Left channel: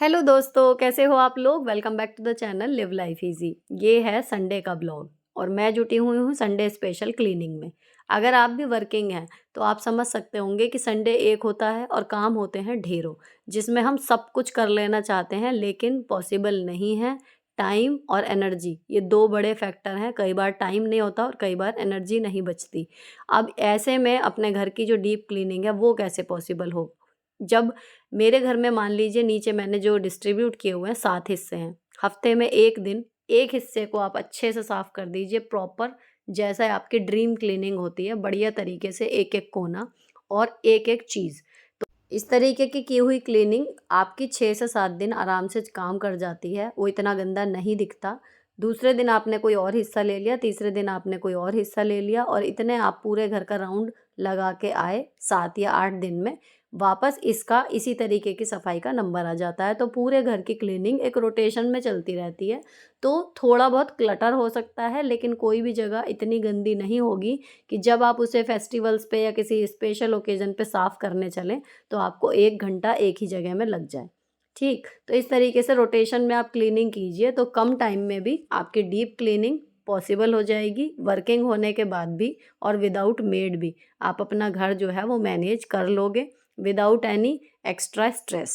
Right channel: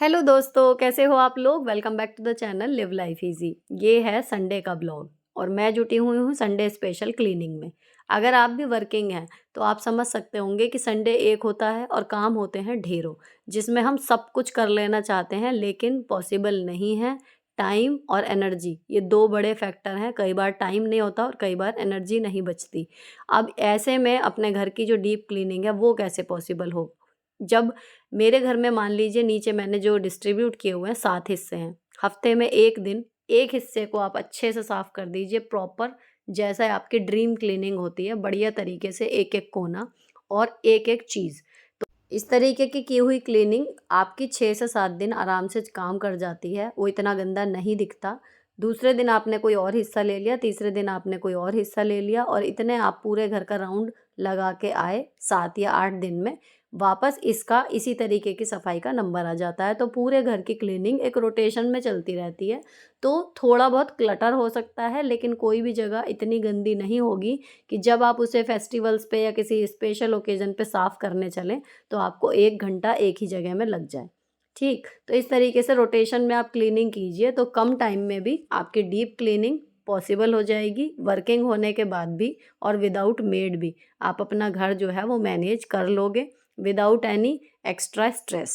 Hello दोस्तों, कैसे हो आप लोग। Welcome back to the channel live life easy. ये है संडे का ब्लॉग और मैं जुटी हुई हूँ संडे स्पेशल क्लीनिंग में। अगर आप भी वर्किंग हैं तो आप समझ सकते होंगे कि संडे एक होता है और काम होते हैं ढेरों, जिसमें हम सब कुछ कर लेना चाहते हैं लेकिन पॉसिबल नहीं है। टाइम और एनर्जी, ये दो बड़े फैक्टर हैं। कई बार टाइम नहीं होता और कई बार एनर्जी नहीं बचती। अब ऐसे में अपने घर की जो डीप क्लीनिंग है वो कैसे पॉसिबल हो, जब मेरे घर में मान लीजिए नीचे मैंने जो डिस्ट्रीब्यूट किए हुए हैं 7 हिस्से हैं। हफ्ते में 1 दिन एक हिस्से को आप अच्छे से साफ कर दीजिए प्रॉपर, जैसा आपकी ड्रीम क्लीनिंग होती है, बढ़िया तरीके से एक-एक कोना और एक-एक चीज़। तो इस तरीके की हुई क्लीनिंग आपकी 6 से 7 दिन आराम से काम कर जाती है, वो इतना गंदा नहीं दिखता। दूसरे दिन आपने कोई और हिस्सा ले लिया, तीसरे दिन आपने कोई और हिस्सा ले लिया और इतने आप पूरे घर का राउंड लगा के आए 7 या 8 दिन में वापस इसका इसी तरीके की सफाई का नंबर आ जाता है। तो पूरे घर की क्लीनिंग एक रोटेशन में चलती रहती है। तो थोड़ा बहुत क्लटर हो सकता है लेकिन कोई भी जगह इतनी गंदी नहीं होगी कि जब आप उसे फेस्टिवल्स पे या किसी स्पेशल ओकेजन पे साफ़ करने चलें तो आपको 1 घंटा एक ही जगह में लग जाए। ठीक, तो इस तरीके से रोटेशन में आप क्लीनिंग कीजिए तो कम टाइम में भी आपकी डीप क्लीनिंग पॉसिबल हो जाएगी, वर्किंग होने के बाद भी और विदाउट मेड भी आप अपना घर जो है वो मैनेज कर लोगे विदाउट एनी एक्स्ट्रा स्ट्रेस।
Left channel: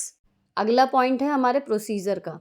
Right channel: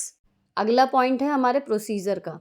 अगला पॉइंट है हमारे प्रोसीजर का।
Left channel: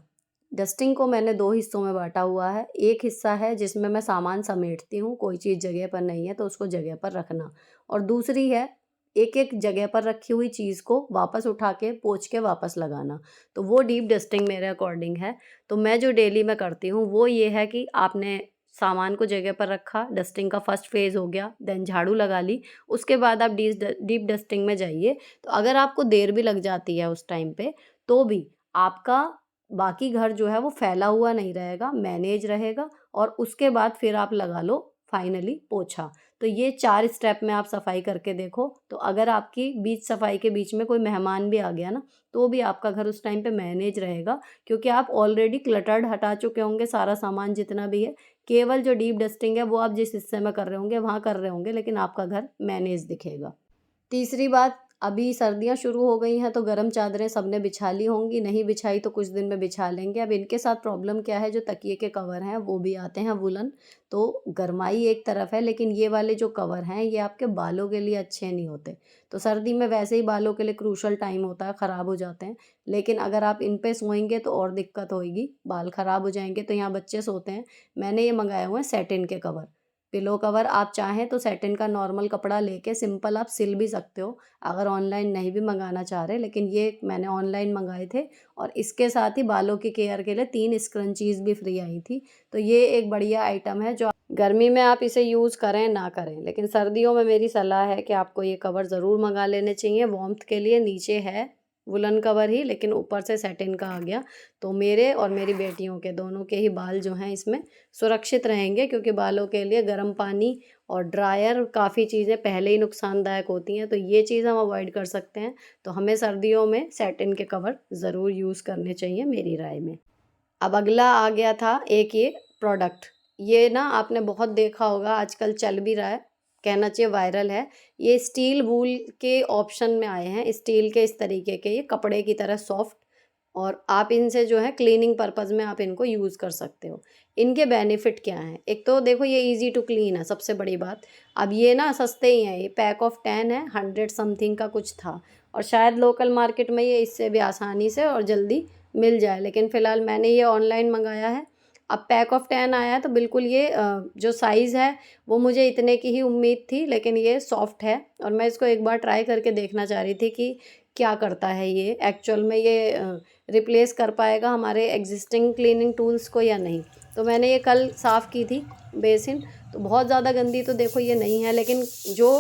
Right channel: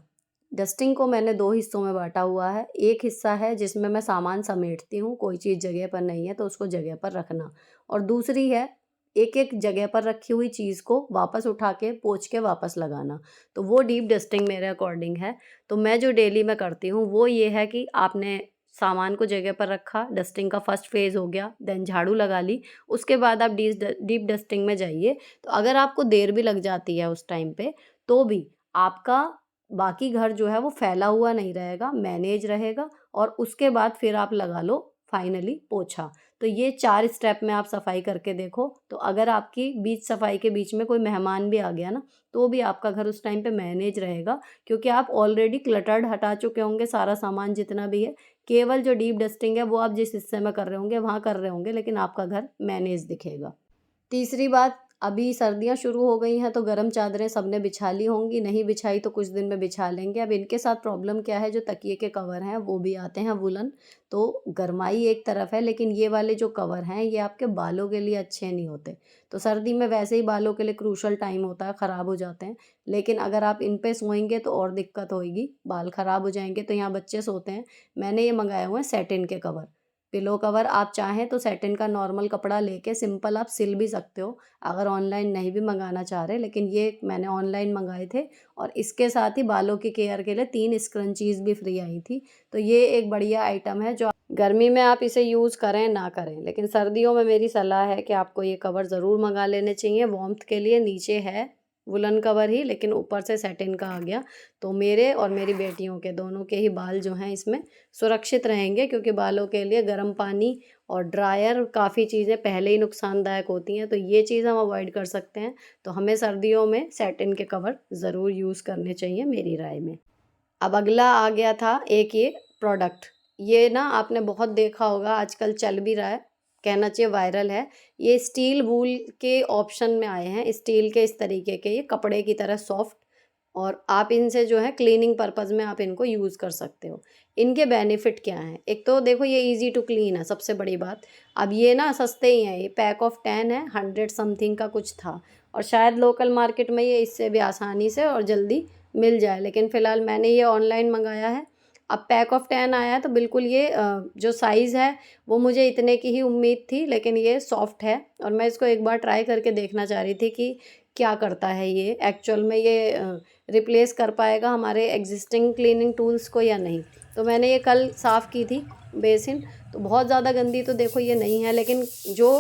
डस्टिंग को मैंने 2 हिस्सों में बाँटा हुआ है। एक हिस्सा है जिसमें मैं सामान समेटती हूँ, कोई चीज़ जगह पर नहीं है तो उसको जगह पर रखना, और दूसरी है एक-एक जगह पर रखी हुई चीज़ को वापस उठा के पोंछ के वापस लगाना। तो वो डीप डस्टिंग मेरे अकॉर्डिंग है। तो मैं जो डेली में करती हूँ वो ये है कि आपने सामान को जगह पर रखा, डस्टिंग का फर्स्ट फ़ेज़ हो गया, देन झाड़ू लगा ली, उसके बाद आप डीप डस्टिंग में जाइए। तो अगर आपको देर भी लग जाती है उस टाइम पे, तो भी आपका बाकी घर जो है वो फैला हुआ नहीं रहेगा, मैनेज रहेगा और उसके बाद फिर आप लगा लो फाइनली पोछा। तो ये 4 स्टेप में आप सफाई करके देखो, तो अगर आपकी बीच सफाई के बीच में कोई मेहमान भी आ गया ना, तो भी आपका घर उस टाइम पे मैनेज रहेगा, क्योंकि आप ऑलरेडी क्लटर्ड हटा चुके होंगे सारा सामान जितना भी है। केवल जो डीप डस्टिंग है वो आप जिस हिस्से में कर रहे होंगे वहाँ कर रहे होंगे, लेकिन आपका घर मैनेज दिखेगा। तीसरी बात, अभी सर्दियाँ शुरू हो गई हैं तो गर्म चादरें सबने बिछा ली होंगी, नहीं बिछाई तो कुछ दिन में बिछा लेंगे। अब इनके साथ प्रॉब्लम क्या है, जो तकिए के कवर हैं वो भी आते हैं वूलन, तो गरमाई एक तरफ है लेकिन ये वाले जो कवर हैं ये आपके बालों के लिए अच्छे नहीं होते। तो सर्दी में वैसे ही बालों के लिए क्रूशल टाइम होता है, ख़राब हो जाते हैं, लेकिन अगर आप इन पे सोएंगे तो और दिक्कत होएगी, बाल ख़राब हो जाएँगे। तो यहाँ बच्चे सोते हैं, मैंने ये मँगाए हुए हैं सैटिन के कवर। पिलो कवर आप चाहें तो सैटिन का नॉर्मल कपड़ा लेके सिंपल आप सिल भी सकते हो, अगर ऑनलाइन नहीं भी मंगाना चाह रहे, लेकिन ये मैंने ऑनलाइन मंगाए थे और इसके साथ ही बालों की केयर के लिए 3 स्क्रंचीज़ भी फ्री आई थी। तो ये एक बढ़िया आइटम है जो गर्मी में आप इसे यूज़ करें ना करें, लेकिन सर्दियों में मेरी सलाह है कि आपको ये कवर ज़रूर मंगा लेने चाहिए वार्मथ के लिए। नीचे है वुलन कवर ही लेकिन ऊपर से सैटिन का आ गया, तो मेरे और मेरी बेटियों के दोनों के ही बाल जो हैं इसमें सुरक्षित रहेंगे, क्योंकि बालों के लिए गर्म पानी और ड्रायर काफ़ी चीज़ें पहले ही नुकसानदायक होती हैं, तो ये चीज़ हम अवॉइड कर सकते हैं। तो हमें सर्दियों में सैटिन के कवर ज़रूर यूज़ करने चाहिए मेरी राय में। अब अगला आ गया था एक ये प्रोडक्ट, ये ना आपने बहुत देखा होगा, आजकल चल भी रहा है, कहना चाहिए वायरल है। ये स्टील वूल के ऑप्शन में आए हैं, स्टील के इस तरीके के, ये कपड़े की तरह सॉफ्ट, और आप इनसे जो है क्लीनिंग पर्पज़ में आप इनको यूज़ कर सकते हो। इनके बेनिफिट क्या हैं? एक तो देखो ये ईज़ी टू क्लीन है, सबसे बड़ी बात। अब ये ना सस्ते ही हैं, ये पैक ऑफ 10 है, 100 समथिंग का कुछ था, और शायद लोकल मार्केट में ये इससे भी आसानी से और जल्दी मिल जाए, लेकिन फ़िलहाल मैंने ये ऑनलाइन मंगाया है। अब पैक ऑफ 10 आया है तो बिल्कुल ये जो साइज़ है वो मुझे इतने की ही उम्मीद थी, लेकिन ये सॉफ्ट है और मैं इसको एक बार ट्राई करके देखना चाह रही थी कि क्या करता है ये एक्चुअल में, ये रिप्लेस कर पाएगा हमारे एग्जिस्टिंग क्लीनिंग टूल्स को या नहीं। तो मैंने ये कल साफ़ की थी बेसिन, तो बहुत ज़्यादा गंदी तो देखो ये नहीं है, लेकिन जो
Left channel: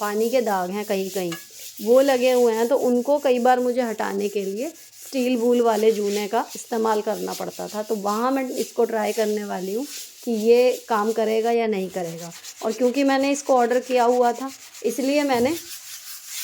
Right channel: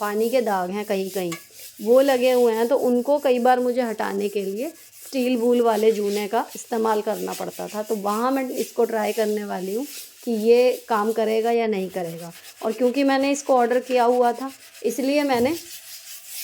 पानी के दाग हैं कहीं-कहीं वो लगे हुए हैं, तो उनको कई बार मुझे हटाने के लिए स्टील वूल वाले जूने का इस्तेमाल करना पड़ता था। तो वहाँ मैं इसको ट्राई करने वाली हूँ कि ये काम करेगा या नहीं करेगा। और क्योंकि मैंने इसको ऑर्डर किया हुआ था, इसलिए मैंने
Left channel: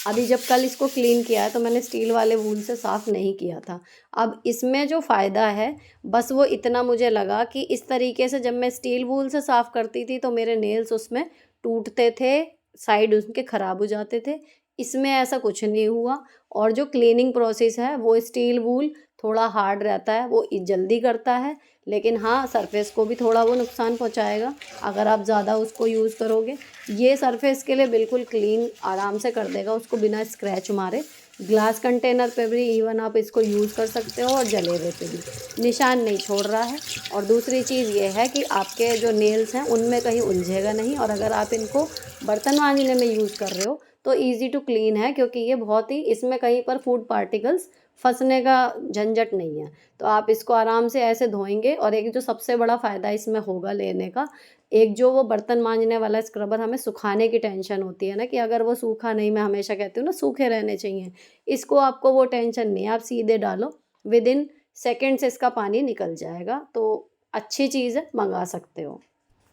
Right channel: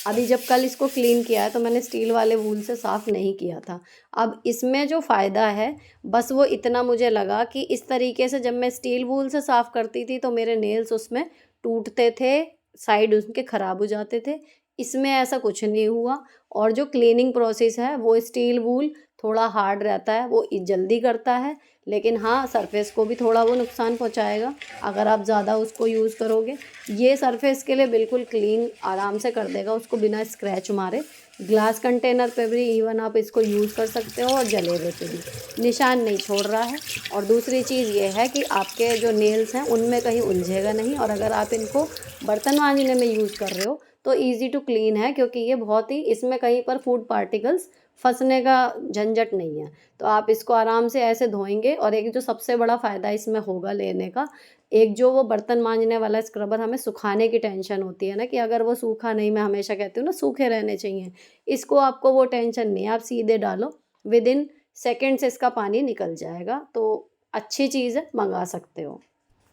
अभी जब कल इसको क्लीन किया है तो मैंने स्टील वाले वूल से साफ़ नहीं किया था। अब इसमें जो फ़ायदा है बस वो इतना मुझे लगा कि इस तरीके से जब मैं स्टील वूल से साफ़ करती थी तो मेरे नेल्स उसमें टूटते थे, साइड उनके ख़राब हो जाते थे। इसमें ऐसा कुछ नहीं हुआ, और जो क्लीनिंग प्रोसेस है वो स्टील वूल थोड़ा हार्ड रहता है, वो जल्दी करता है, लेकिन हाँ सरफेस को भी थोड़ा वो नुकसान पहुँचाएगा अगर आप ज़्यादा उसको यूज़ करोगे। ये सरफेस के लिए बिल्कुल क्लीन आराम से कर देगा उसको बिना स्क्रैच मारे। ग्लास कंटेनर पे भी इवन आप इसको यूज़ कर सकते हो और जलेबे पे भी निशान नहीं छोड़ रहा है। और दूसरी चीज़ ये है कि आपके जो नेल्स हैं उनमें कहीं उलझेगा नहीं, और अगर आप इनको बर्तन मांजने में यूज़ कर रहे हो तो ईज़ी टू क्लीन है, क्योंकि ये बहुत ही, इसमें कहीं पर फूड पार्टिकल्स फंसने का झंझट नहीं है। तो आप इसको आराम से ऐसे धोएंगे। और एक जो सबसे बड़ा फ़ायदा इसमें होगा लेने का, एक जो वो बर्तन मांजने वाला स्क्रबर हमें सुखाने की टेंशन होती है ना, कि अगर वो सूखा नहीं, मैं हमेशा कहती हूँ ना सूखे रहने चाहिए, इसको आपको वो टेंशन नहीं है। आप सीधे डालो, विद इन सेकेंड्स इसका पानी निकल जाएगा। तो अच्छी चीज़ है, मंगा सकते हो।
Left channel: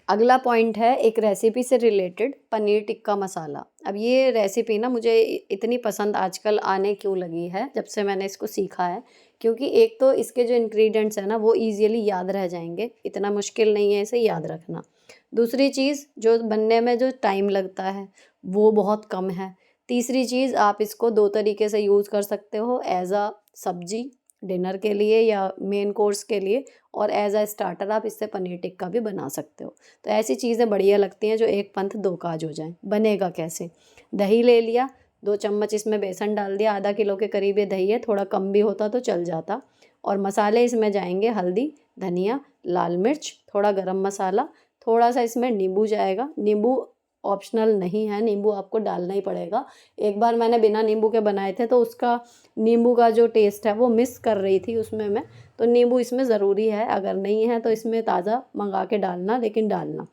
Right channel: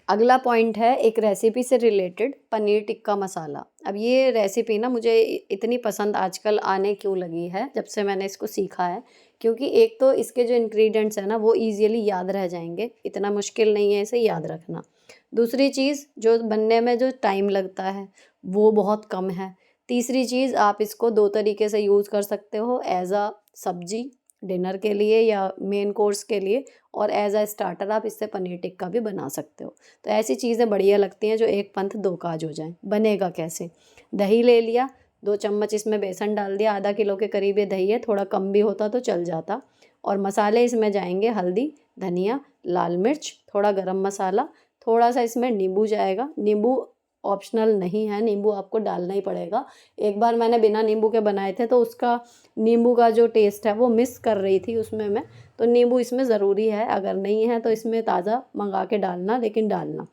अगला पॉइंट है एक रेसिपी से रिलेटेड, पनीर टिक्का मसाला। अब ये रेसिपी ना मुझे इतनी पसंद आजकल आने क्यों लगी है जब से मैंने इसको सीखा है, क्योंकि एक तो इसके जो इंग्रेडिएंट्स हैं ना वो इजीली याद रह जाएंगे, इतना मुश्किल नहीं है इसे याद रखना। दूसरी चीज़, जो बनने में जो टाइम लगता है वो बहुत कम है। तीसरी चीज़, आप इसको दो तरीके से यूज़ कर सकते हो, एज अ सब्जी डिनर के लिए या मेन कोर्स के लिए, और एज अ स्टार्टर आप इससे पनीर टिक्का भी बना सकते हो। तो ऐसी चीज़ें बढ़िया लगती हैं जो एक पंथ दो काज हो जाएं। बनेगा कैसे? दही ले लिया, 2 चम्मच इसमें बेसन डाल दिया, आधा किलो के करीब ये दही है, थोड़ा कम भी होता तो चल जाता। और मसाले इसमें जाएंगे हल्दी, धनिया, लाल मिर्च, थोड़ा गरम मसाला, थोड़ा सा इसमें नींबू जाएगा। नींबू ऑप्शनल नहीं है, नींबू आपको डालना ही पड़ेगा। एक बार मैंने बिना नींबू के बनाए थे तो उसका नींबू का जो टेस्ट है वो मिस कर रही थी उसमें मैं। तो नींबू इसमें ज़रूरी है, अगर नहीं है तो इसमें ताज़ा मंगा के डालना, लेकिन डालना।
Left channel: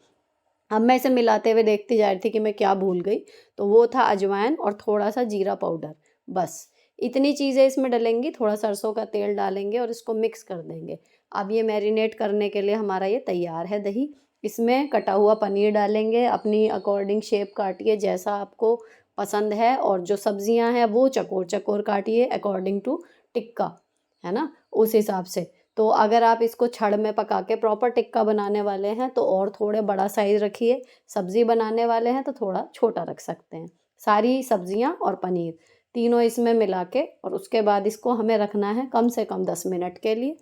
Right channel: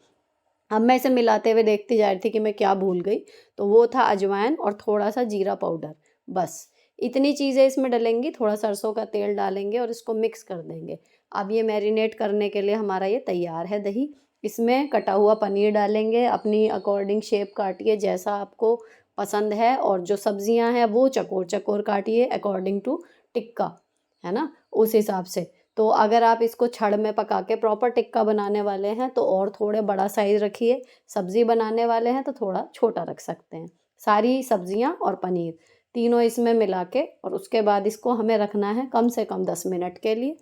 अब मैं इसे मिलाते हुए देखती जा रही थी कि मैं क्या भूल गई, तो वो था अजवाइन और थोड़ा सा जीरा पाउडर, बस इतनी चीज़ें इसमें डलेंगी। थोड़ा सरसों का तेल डालेंगे और इसको मिक्स कर देंगे। अब ये मैरिनेट करने के लिए हमारा ये तैयार है दही। इसमें कटा हुआ पनीर डालेंगे, अपनी अकॉर्डिंग शेप काटिए जैसा आपको पसंद है, और जो सब्जियां हैं वो चकोर चकोर काटिए अकॉर्डिंग टू टिक्का, है ना, उस हिसाब से। तो अगर आप इसको छड़ में पका के प्रॉपर टिक्का बनाने वाले हैं तो और थोड़े बड़ा साइज़ रखिए, सब्ज़ी बनाने वाले हैं तो थोड़ा छोटा रख सकते हैं। सारी सब्जियां और पनीर तीनों इसमें मिला के, और उसके बाद इसको हमें रखना है कम से कम 10 मिनट के लिए।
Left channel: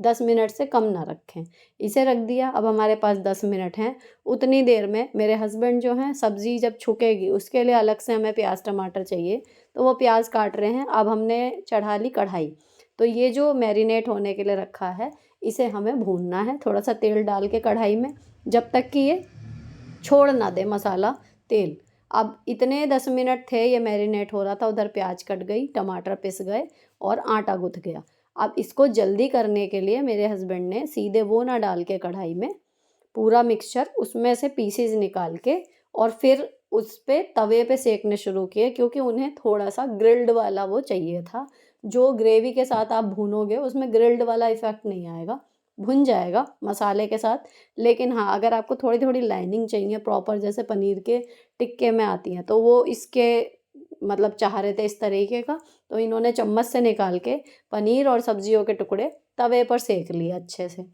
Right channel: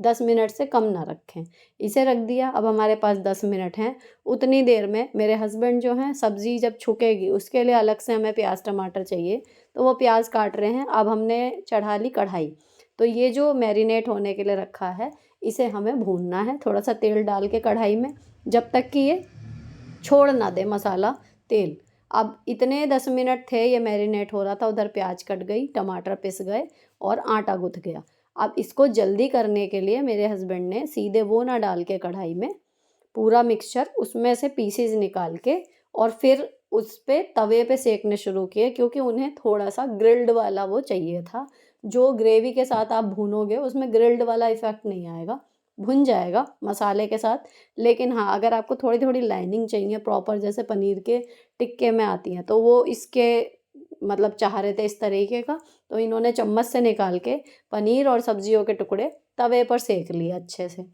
10 मिनट से कम ना रखें। इसे रख दिया, अब हमारे पास 10 मिनट हैं। उतनी देर में मेरे हस्बैंड जो हैं, सब्ज़ी जब छुकेगी उसके लिए अलग से हमें प्याज टमाटर चाहिए, तो वो प्याज काट रहे हैं। अब हमने चढ़ा ली कढ़ाई, तो ये जो मैरिनेट होने के लिए रखा है इसे हमें भूनना है थोड़ा सा तेल डाल के कढ़ाई में, जब तक कि ये छोड़ ना दे मसाला तेल। अब इतने 10 मिनट थे, ये मैरिनेट हो रहा था, उधर प्याज कट गई, टमाटर पिस गए और आटा गुथ गया। अब इसको जल्दी करने के लिए मेरे हस्बैंड ने सीधे वो ना डाल के कढ़ाई में पूरा मिक्सचर उसमें से पीसेज निकाल के और फिर उस पे तवे पे सेकने शुरू किए, क्योंकि उन्हें थोड़ा सा ग्रिल्ड वाला वो चाहिए था। जो ग्रेवी के साथ आप भूनोगे उसमें ग्रिल्ड वाला इफ़ेक्ट नहीं आएगा, भुन जाएगा मसाले के साथ। लेकिन हाँ, अगर आपको थोड़ी थोड़ी लाइनिंग चाहिए प्रॉपर, जैसे पनीर के टिक्के में आती हैं, तो वो इसके मतलब चाह रहे थे इस तरीके का, तो इन्होंने चम्मच से निकाल के पनीर और सब्जियों के टुकड़े तवे पर सेक लिए अच्छे से।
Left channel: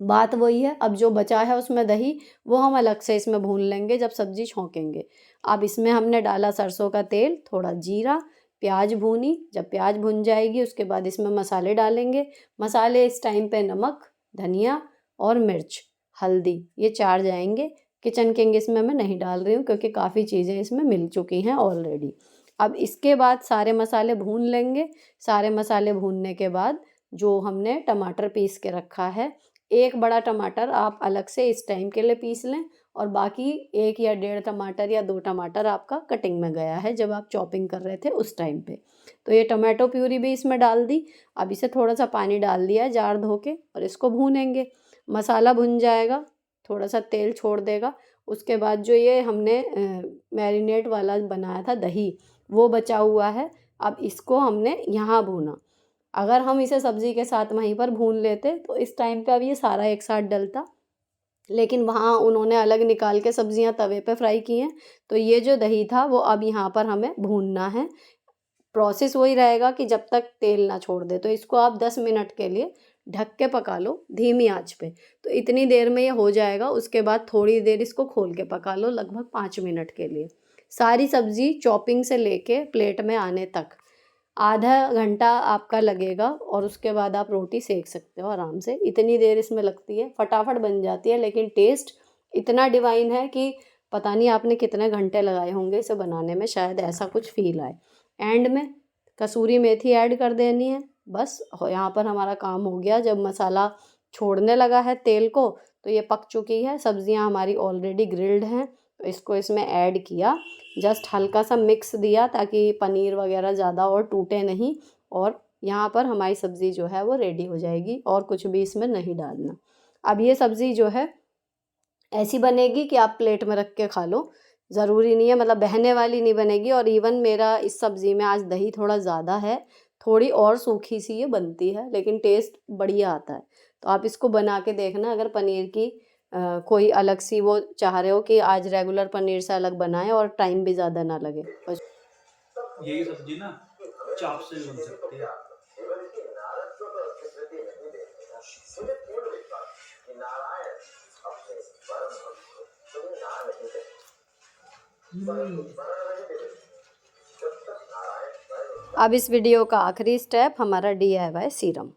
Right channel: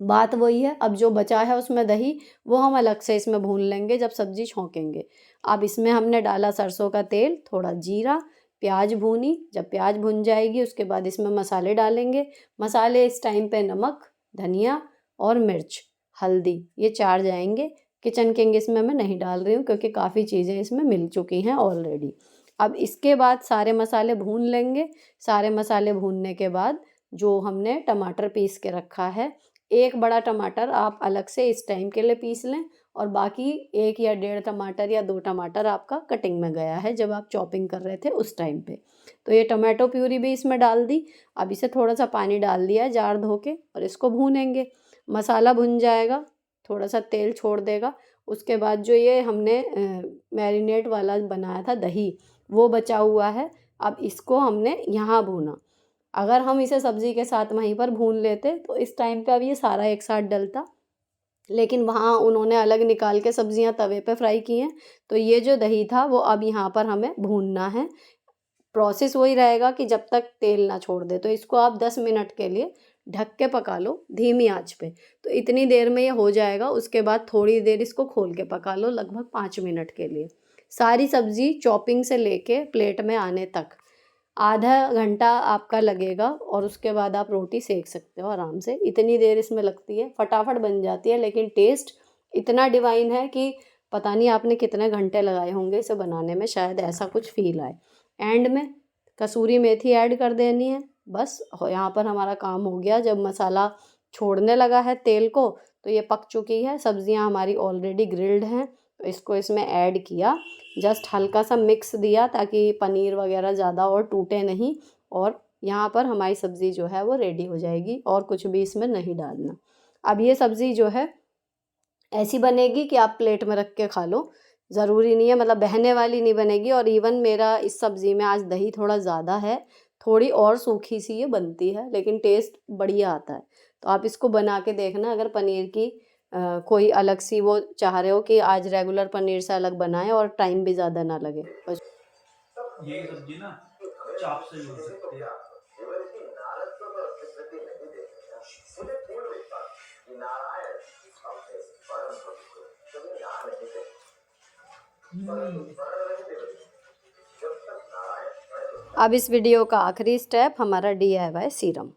बात वही है, अब जो बचा है उसमें दही, वो हम अलग से इसमें भून लेंगे जब सब्ज़ी छौंकेंगे। अब इसमें हमने डाला सरसों का तेल, थोड़ा जीरा, प्याज भूनी, जब प्याज भुन जाएगी उसके बाद इसमें मसाले डालेंगे। मसाले इस टाइम पे नमक, धनिया और मिर्च, हल्दी, ये 4 जाएंगे। किचन किंग इसमें मैं नहीं डाल रही हूँ क्योंकि काफ़ी चीज़ें इसमें मिल चुकी हैं ऑलरेडी। अब इसके बाद सारे मसाले भून लेंगे। सारे मसाले भूनने के बाद जो हमने टमाटर पीस के रखा है, एक बड़ा टमाटर आप अलग से इस टाइम के लिए पीस लें, और बाकी 1 या डेढ़ टमाटर या 2 टमाटर आपका कटिंग में गया है जब आप चॉपिंग कर रहे थे उस टाइम पे। तो ये टमाटो प्यूरी भी इसमें डाल दी। अब इसे थोड़ा सा पानी डाल दिया है जार धो के, और इसको भूनेंगे। मसाला भुन जाएगा, थोड़ा सा तेल छोड़ देगा। उसके बाद जो ये हमने मैरिनेट वाला बनाया था दही, वो बचा हुआ है। अब इसको हमने यहाँ भूना। अगर हम इसे सब्ज़ी के साथ वहीं पर भून लेते तो इस टाइम पे अब ये सारा एक साथ डलता, लेकिन वहाँ उन्होंने अलग निकाल के सब्जियां तवे पे फ्राई की हैं। तो ये जो दही था वो अब यहाँ पर हमें भूनना है। प्रोसेस वही रहेगा कि जब तक तेल ना छोड़ दे। तो इसको आप 10 मिनट के लिए ढक के पका लो धीमी आंच पे। तो इतनी देर में ये हो जाएगा। उसके बाद थोड़ी देर इसको खोल के पका लो, लगभग 5 मिनट के लिए। सारी सब्ज़ी चॉपिंग से लेके प्लेट में आने तक आधा घंटा आपका लगेगा और उसके बाद आप रोटी सेक सकते हो आराम से। इतनी देर इसमें लगती है, फटाफट बन जाती है, लेकिन टेस्ट इतना डिवाइन है कि पता नहीं आपने कितने घंटे लगाए होंगे इसे बनाने में, शायद ऐसा कुछ फील आए। एंड में कसूरी मेथी ऐड कर देनी है, बस यहाँ पर हमारा काम हो गया। जब मसाला छोड़ने लगा है तेल को तो ये पक चुकी है। सब्जियां हमारी ऑलरेडी ग्रिल्ड हैं, तो इसको इसमें ऐड किया, जस्ट हल्का सा मिक्स दिया ताकि पनीर वगैरह ज़्यादा और टूटे नहीं। और यहाँ पर हमारी सब्ज़ी जो है वो रेडी हो जाएगी, और कुछ भी इसमें नहीं डालना। अब ये सब्ज़ी जो है ऐसी बनेगी कि आप प्लेट में रख के खा लो, ज़रूरी नहीं है, मतलब बहने वाली नहीं बनेगी। और इवन मेरा इस सब्ज़ी में आज दही थोड़ा ज़्यादा है, थोड़ी और सूखी सी ये बनती है, लेकिन टेस्ट बढ़िया आता है। तो आप इसको बना के देखना। अगर पनीर की कोई अलग सी वो चाह रहे हो कि आज रेगुलर पनीर से अलग बनाएं और टाइम भी ज़्यादा ना लगे, बस यही सब्जी ना चाप से बन सकती है। हम्म। अब इस वीडियो का आखिरी स्टेप हमारा DIY सीरम।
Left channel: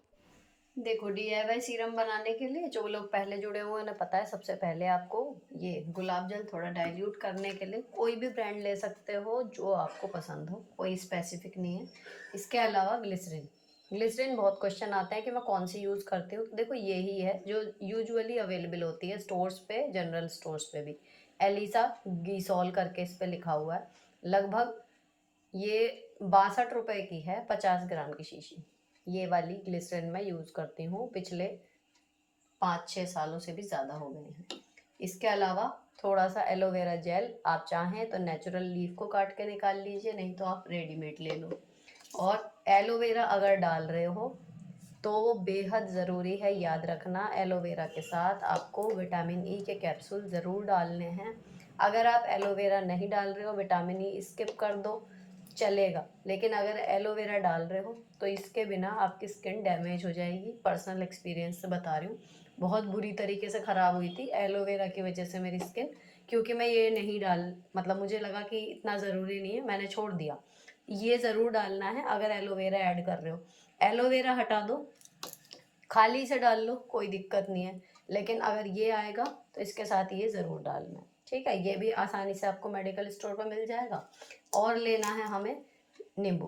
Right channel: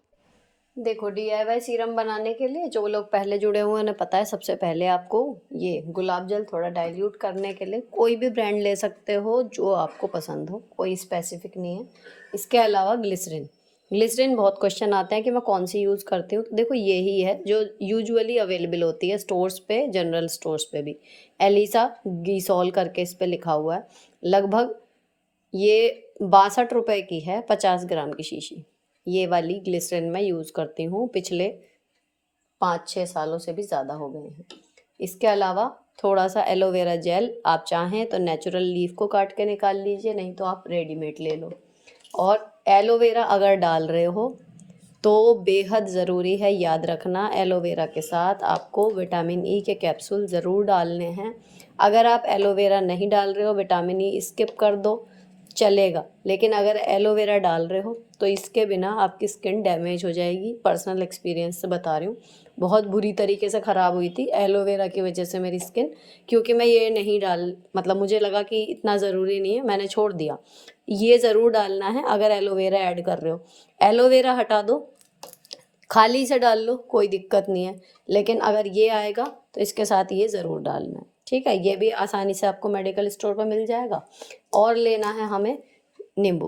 देखो, DIY सीरम बनाने के लिए जो लोग पहले जुड़े हुए हैं उन्हें पता है, सबसे पहले आपको ये गुलाब जल थोड़ा डाइल्यूट करने के लिए कोई भी ब्रांड ले सकते हो जो आपको पसंद हो, कोई स्पेसिफिक नहीं है। इसके अलावा ग्लिसरीन। ग्लिसरीन बहुत क्वेश्चन आते हैं कि मैं कौन सी यूज़ करती हूँ, तो देखो यही है जो यूजुअली अवेलेबल होती है स्टोर्स पे, जनरल स्टोर्स पे भी। एलिसा गीसॉल करके इस पर लिखा हुआ है। लगभग ये 62 रुपये की है, 50 ग्राम की शीशी। ये वाली ग्लिसरीन मैं यूज़ करती हूँ, पिछले 5-6 सालों से भी ज़्यादा हो गए हैं। इसके अलावा थोड़ा सा एलोवेरा जेल, आप चाहें तो नेचुरल लीफ को काट के निकाल लीजिए, नहीं तो आप रेडीमेड ले लो। और एलोवेरा अगर डाल रहे हो तो बेहद ज़रूरी है, याद रखना, एलोवेरा के साथ आपको विटामिन ई के कैप्सूल ज़रूर डालने हैं। अगर आप एलोवेरा नहीं डाल रहे हो, विटामिन ई स्किप कर दो, चलेगा। लेकिन अगर एलोवेरा डाल रहे हो तो इसके बिना आपकी स्किन डैमेज हो जाएगी। पर्सनल एक्सपीरियंस से बता रही हूँ, बहुत बुरी तरीके से ख़राब हुई थी एलोवेरा की वजह से मेरी स्किन, क्योंकि मैं ये नहीं डाल, मतलब मुझे लगा कि इतना ज़रूरी नहीं है, मैंने छोड़ दिया। ये ज़रूर डालना है अगर एलोवेरा ऐड कर रहे हो। एलोवेरा हटा दो, खाली से डाल लो, कोई दिक्कत नहीं है, लेकिन अगर ये आएगा तो इसके साथ ये ज़रूर डालना है, ठीक है। ये भी आसानी से आपको मेडिकल स्टोर पर मिल जाएगा। और लेना है हमें नींबू,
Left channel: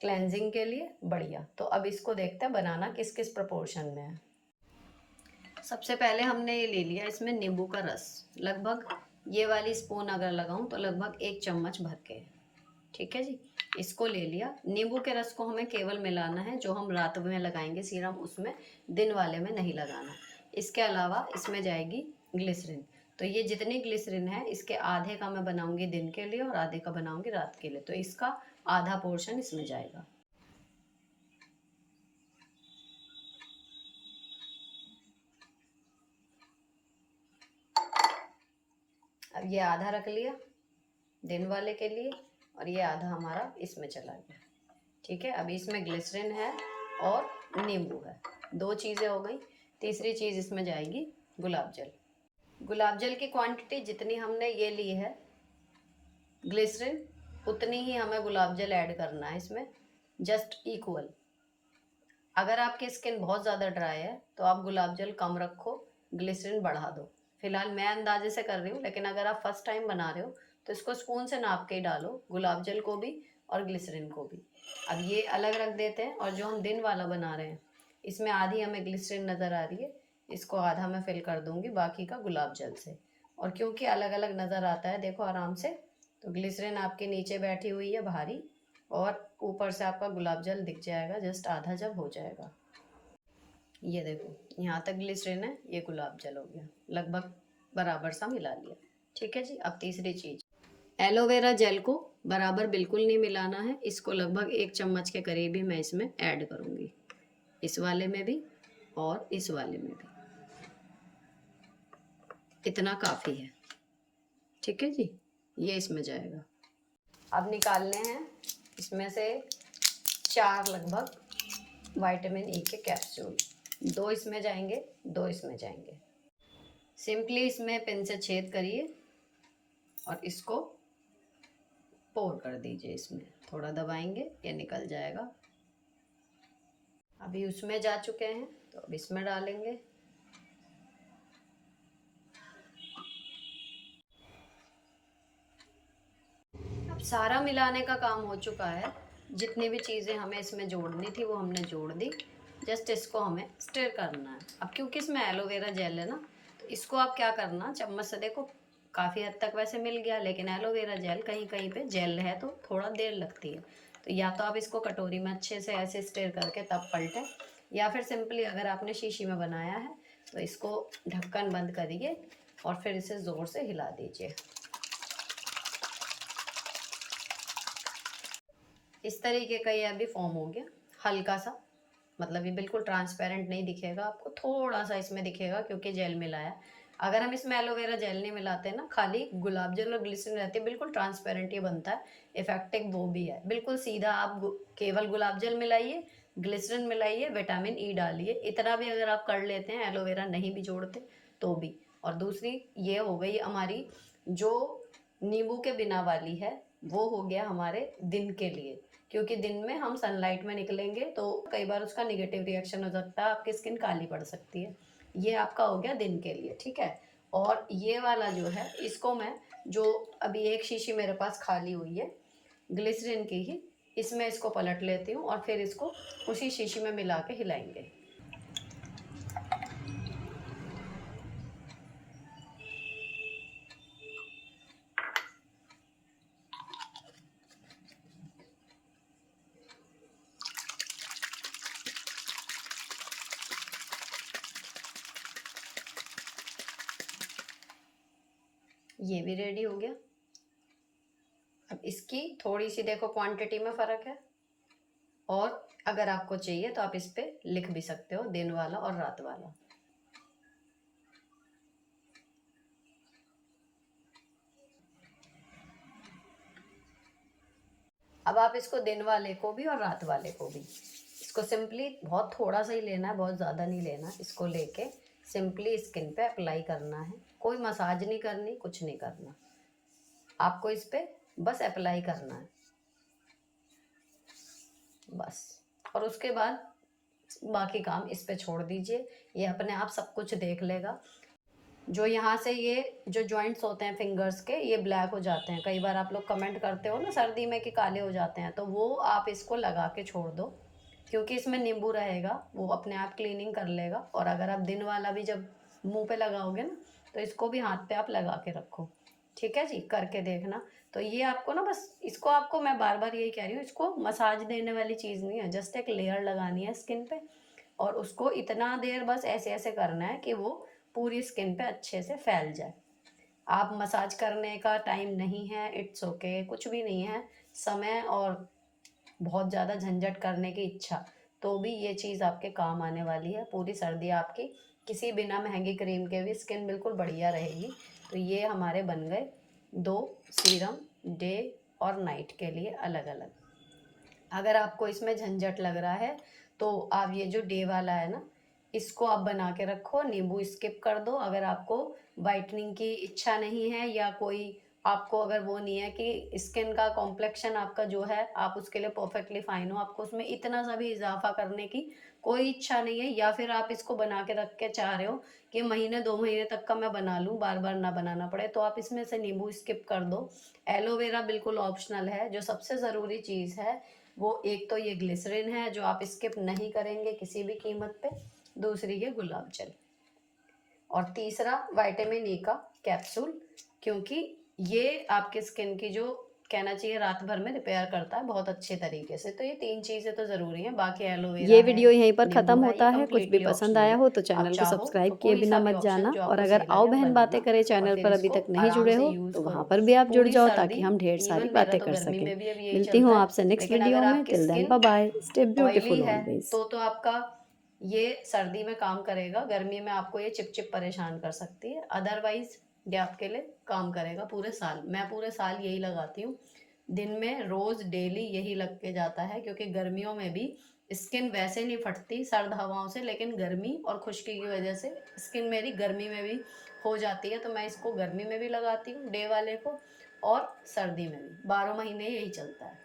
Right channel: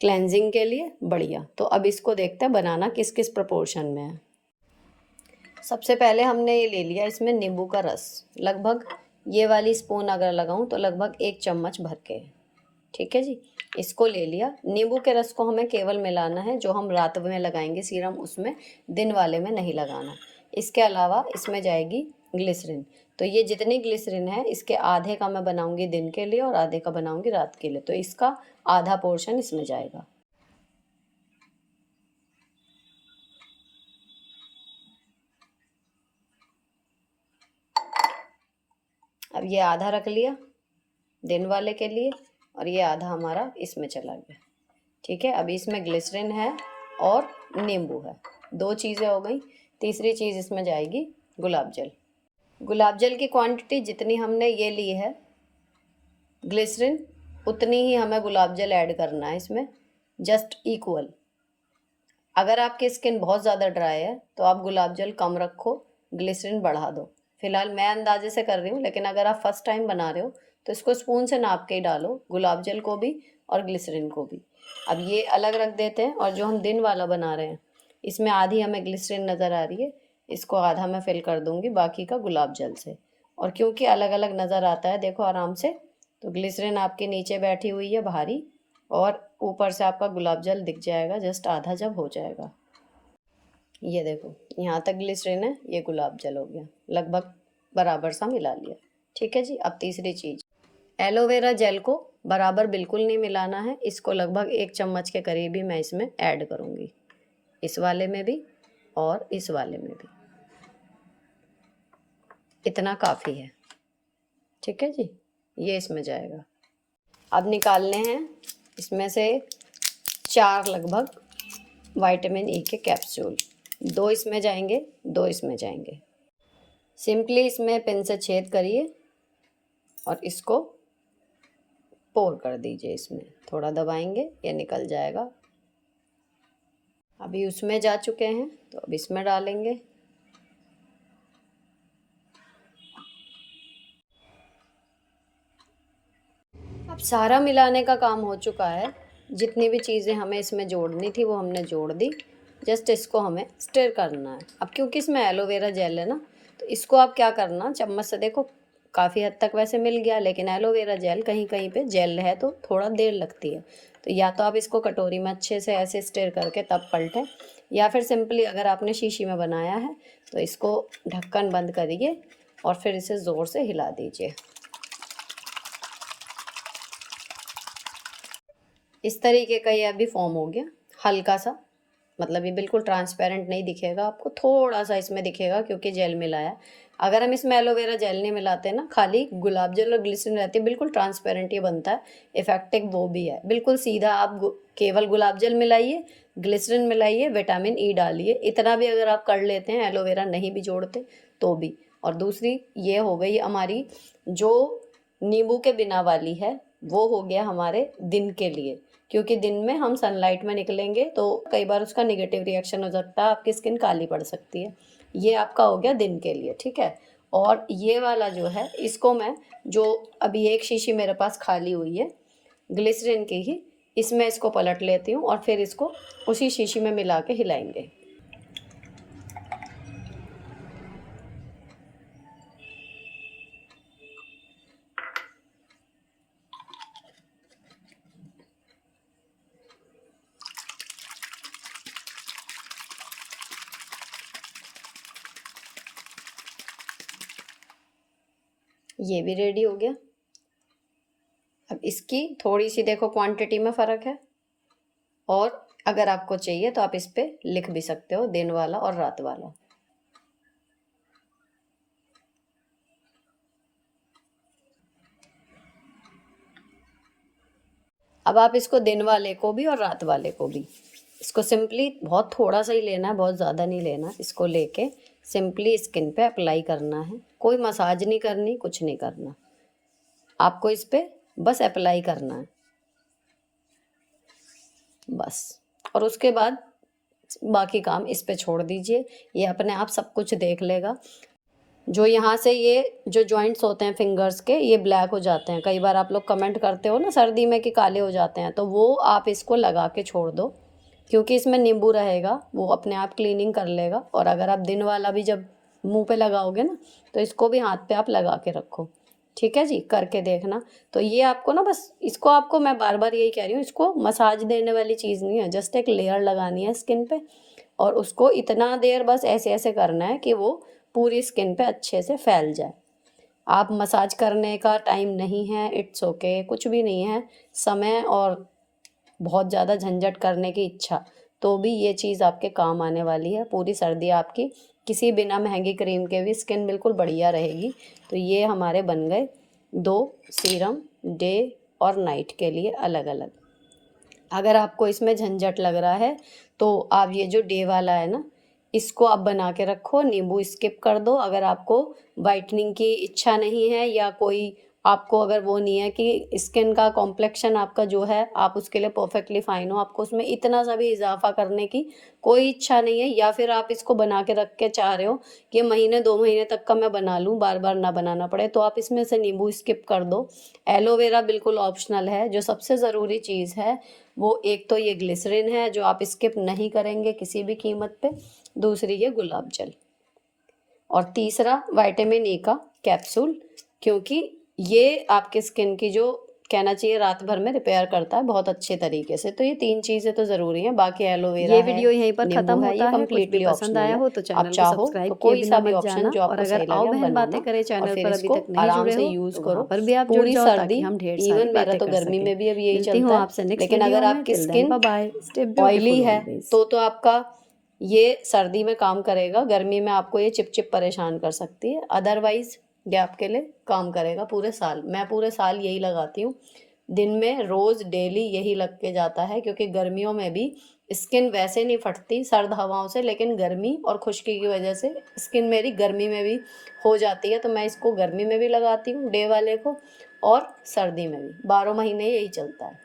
क्लेंजिंग के लिए बढ़िया। तो अब इसको देखते हैं बनाना किस किस प्रपोर्शन में है। सबसे पहले हमने ये ले लिया इसमें नींबू का रस, लगभग ये वाली स्पून अगर लगाऊं तो लगभग 1 चम्मच भर के, ठीक है जी। इसको ले लिया। नींबू के रस को हमें केवल मिलाना है, जो हम रात में लगाएंगे सीरम उसमें, दिन वाले में नहीं लगाना। इसके अलावा इसमें जाएगी ग्लिसरीन। तो ये जितनी ग्लिसरीन है इसके आधे का मैं बनाऊंगी दिन के लिए और आधे का बनाऊंगी रात के लिए, तो इसका आधा पोर्शन इसमें जाएगा। अब ये आधा रख लिया दिन वाले के लिए, और ये आधा हमारा इसमें चला गया, ठीक है। अभी इसमें ग्लिसरीन है और नींबू है, 2 चीज़ें हो गई। तीसरी चीज़ इसमें जाएगी गुलाब जल। गुलाब जल की क्वांटिटी जितनी हमने ये ली है ग्लिसरीन, उतनी ही हमें गुलाब जल ऐड करना है इसमें, जस्ट इक्वल। अगर आपकी स्किन बहुत ज़्यादा ड्राई है तो आप गुलाब जल कम रखो, ग्लिसरीन बढ़ा दो। फिलहाल मैं अंदाजे से कर रही हूँ, लेकिन अगर आप फर्स्ट टाइम बना रहे हो तो इसको स्पून से नाप के ही डालो, गुलाब जल को भी और ग्लिसरीन को भी। अब ये अलग रख देते हैं, और जो हम दिन वाला बना रहे हैं इसमें आधी हमें ग्लिसरीन नज़र आ रही है, इसको आधा मैं फिल कर दूँगी बाकी का गुलाब जल से। और क्योंकि अलग अलग नज़र आता है देखो आराम से, तो ग्लिसरीन आपके नीचे बैठी हुई है भारी, और ऊपर से आपका गुलाब जल दिख जाएगा जस्ट आधा जब हो जाएगा। ये देखो यहाँ तक ग्लिसरीन है, ये गुलाब जल हो गया, लगभग बराबर सा मिला लिया, ठीक है जी। अब तीसरी चीज़, एलोवेरा जेल को बराबर बिल्कुल नहीं मिलाना है, इसको लगभग 1 चम्मच के करीब ही मैं इसमें ऐड करूँगी, इस वाले में भी और इस वाले में भी, इतना काफ़ी है, ठीक है जी। ये इसमें जाएगा। अब निकालने हैं इसमें से 4 लगभग विटामिन ई के कैप्सूल, 2 इसमें जाएंगे, 2 इसमें जाएंगे। सिंपली इसमें पेन से छेद करिए और इसको पोर कर दीजिए। इसमें थोड़ा दबाएंगे ये निकल जाएगा। अभी उसमें जा चुके हैं तो अब इसमें डालेंगे। अब सारा मिलाने का काम हो चुका है। जितनी भी चीज़ें हमें इसमें जोड़नी थी वो हमने जोड़ दी। जस्ट इसको हमें स्टिर करना है। अब क्योंकि इसमें एलोवेरा जेल है ना, तो इसको आप क्या करना, चम्मच से देखो काफ़ी हद तक वैसे मिल गया, लेकिन एलोवेरा जेल कहीं कहीं पे जेल है तो थोड़ा देर लगती है। तो या तो आप इसको कटोरी में अच्छे से ऐसे स्टिर करके तब पलटें, या फिर सिंपली अगर आपने शीशी में बनाया है तो इसको ढक्कन बंद करिए और फिर इसे ज़ोर से हिला दीजिए। इस तरीके का ये अभी फॉर्म हो गया हल्का सा, मतलब ये बिल्कुल ट्रांसपेरेंट नहीं दिखेगा आपको, थोड़ा सा इसमें दिखेगा क्योंकि जेल मिलाया। अगर हम इसमें एलोवेरा जेल नहीं मिलाते ना, खाली गुलाब जल और ग्लिसरीन रहती है, बिल्कुल ट्रांसपेरेंट ये बनता है। इफेक्टिव वो भी है बिल्कुल सीधा। आप केवल गुलाब जल मिलाइए, ग्लिसरीन मिलाइए, विटामिन ई डालिए, इतना भी अगर आप कर लेते हैं, एलोवेरा नहीं भी जोड़ते तो भी। और दूसरी ये हो गई हमारी जो नींबू के बिना वाली है, वो हो गया हमारे दिन के लिए, क्योंकि दिन में हम सनलाइट में निकलेंगे तो कई बार उसका नेगेटिव रिएक्शन हो सकता है, आपकी स्किन काली पड़ सकती है। ये आपका हो गया दिन के लिए, ठीक है। और ये वाला जो है इसको मैं, जो अभी एक शीशी मेरे पास खाली हुई है ग्लिसरीन की ही, इसमें इसको पलट लेती हूँ और फिर इसको उसी शीशी में मिला के हिलाएंगे। ये भी रेडी हो गया। अब इसकी थोड़ी सी देखो क्वांटिटी में फ़र्क है, और अगर आपको चाहिए तो आप इस पे लिख भी सकते हो दिन वाला और रात वाला। अब आप इसको दिन वाले को भी और रात वाले को भी, इसको सिंपली बहुत थोड़ा सा ही लेना है, बहुत ज़्यादा नहीं लेना। इसको लेके सिंपली स्किन पे अप्लाई करना है, कोई मसाज नहीं करनी, कुछ नहीं करना, आपको इस पे बस अप्लाई करना है बस। और उसके बाद बाकी काम इस पे छोड़ दीजिए, ये अपने आप सब कुछ देख लेगा। जो यहाँ से ये जो जॉइंट्स होते हैं फिंगर्स के, ये ब्लैक हो जाते हैं, कई बार आप लोग कमेंट करते हो ना सर्दी में कि काले हो जाते हैं, तो वो आप इसको लगा के छोड़ दो, क्योंकि इसमें नींबू रहेगा, वो अपने आप क्लीनिंग कर लेगा। और अगर आप दिन वाला भी जब मुंह पे लगाओगे ना, तो इसको भी हाथ पे आप लगा के रखो, ठीक है जी, करके देखना। तो ये आपको ना, बस इसको आपको मैं बार बार यही कह रही हूँ, इसको मसाज देने वाली चीज़ नहीं है, जस्ट एक लेयर लगानी है स्किन पे, और उसको इतना देर बस ऐसे ऐसे करना है कि वो पूरी स्किन पे अच्छे से फैल जाए। आप मसाज करने का टाइम नहीं है, इट्स ओके, कुछ भी नहीं है समय, और बहुत ज़्यादा झंझट करने की इच्छा, तो भी ये चीज़ आपके काम आने वाली है। पूरी सर्दी आपकी किसी बिना महंगी क्रीम के भी स्किन बिल्कुल बढ़िया रहेगी। तो ये हमारे बन गए 2 सीरम डे और नाइट के लिए अलग अलग। अगर आपको इसमें झंझट लग रहा है तो आप ये जो डे वाला है ना, इसको आप बना के रखो, नींबू स्किप कर दो। अगर आपको वाइटनिंग की इच्छा नहीं है, या कोई आपको अगर वो नहीं है कि स्किन का कॉम्प्लेक्शन आपका जो है आप उसके लिए परफेक्टली फाइन हो, आपको उसमें इतना सा भी इजाफा करने की कोई इच्छा नहीं है, या फिर आप इसको बना के रख के चाह रहे हो कि महीने 2 महीने तक का मैं बना लूँ, बार बार ना बनाना पड़े, तो आप इसमें से नींबू स्किप कर दो। एलोवेरा बिल्कुल ऑप्शनल है। जो सबसे ज़रूरी चीज़ है वो एक तो ये ग्लिसरीन है जो आप स्किप नहीं करेंगे किसी भी कीमत पे, दूसरी ये गुलाब जल, और तीसरा विटामिन ई का कैप्सूल, क्योंकि ये आपके स्किन की जो कहना चाहिए रात भर में रिपेयर करता है बहुत अच्छे तरीके से। तो ये 3 चीज़ें तो ज़रूरी हैं, बाकी एलोवेरा ये है, वीडियो यहीं पर नींबू ख़त्म है, ये होता है। कुछ भी कम्प्लीटली पसंद ऑप्शनल आया है। हो तो आप चैनल को चाहो सब्सक्राइब तो किए कोई बिना सा भी मत ऑप्शन जाना, जो और आपको अगर सही आओ लगे बहन बातें बनाना, करें और चैनल फिर पर अभी इसको तक नहीं आराम जुड़े से हो यूज़ तो वहाँ करो पर भी आप जुड़ पूरी जाओ, ताकि सर्दी। हम ढेर सारी इवन मेरा बातें तो कर गर्मी सकें। में भी अब यही मिलती चलता हूँ है। आपसे नेक्स्ट लेकिन वीडियो अगर में। आपकी till then skin bye bye, stay oily beautiful है ऑलवेज। तो आपका ये सर्दी में काम करेगा, गर्मी में आपको ये चिप परेशान कर सकती है, अदरवाइज ये आपके लिए काम करेगा पूरे साल। मैं पूरे साल यही लगाती हूँ, दिन में रोज़ डेली यही लग के जाता है, क्योंकि गर्मियों में भी स्किन वैसे नहीं फटती सर्द हवाओं से, लेकिन गर्मी और खुश्की की वजह से स्किन मेरी गर्मी में भी हो जाती है, तो मैं इसको गर्मी में भी लगाती हूँ डे वाले को, और सर्दी में भी 12 महीने यही चलता है।